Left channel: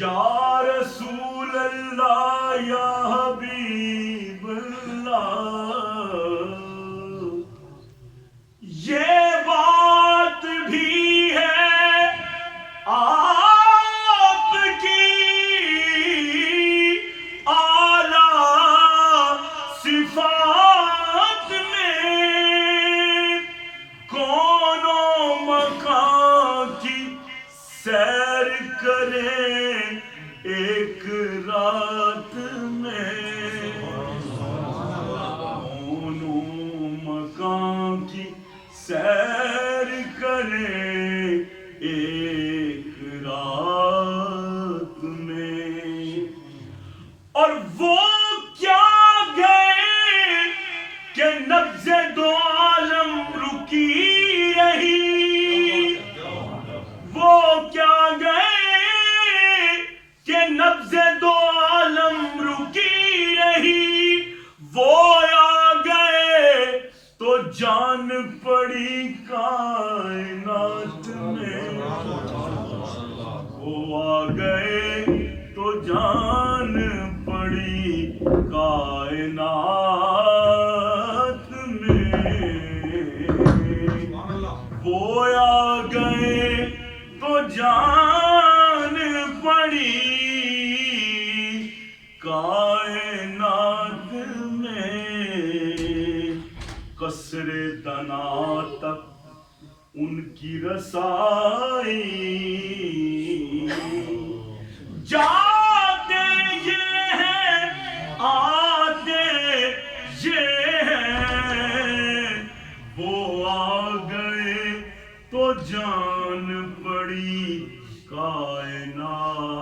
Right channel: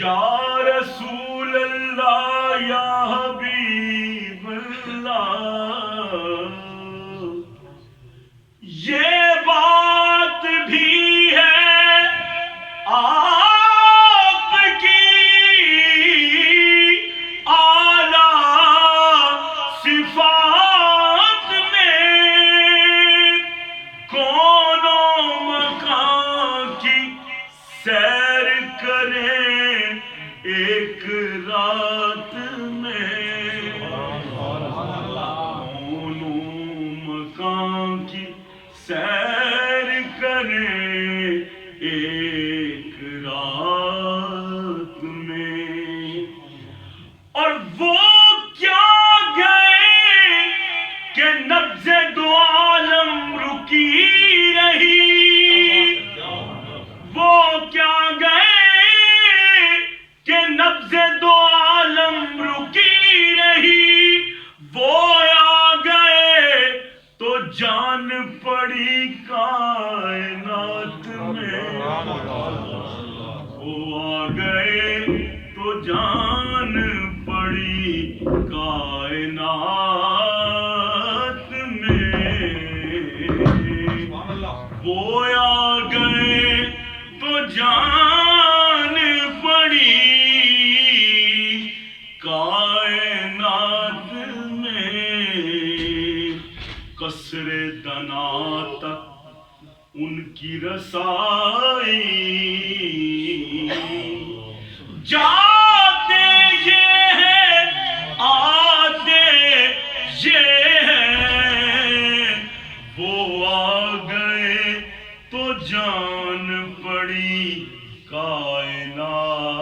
یا رسول اللہ یا حبیب اللہ، یہ بات بھی ہے آپ کی اعلیٰ صفات میں، کون و مکان کی سیر کریں ایک رات میں، کون و مکان کی سیر کریں ایک رات میں، اور وہ کیا گئے کہ نبض دو عالم رکی رہی، وہ کیا گئے کہ نبض دو عالم رکی رہی، وہ آ گئے تو جان پڑی کائنات میں، وہ آ گئے تو جان پڑی کائنات میں، وہ آ گئے تو جان پڑی کائنات میں، قصر دنا تک ان کی رسائی، جاتے یہ ہیں آتے یہ ہیں، وہ آ گئے تو جان پڑی کائنات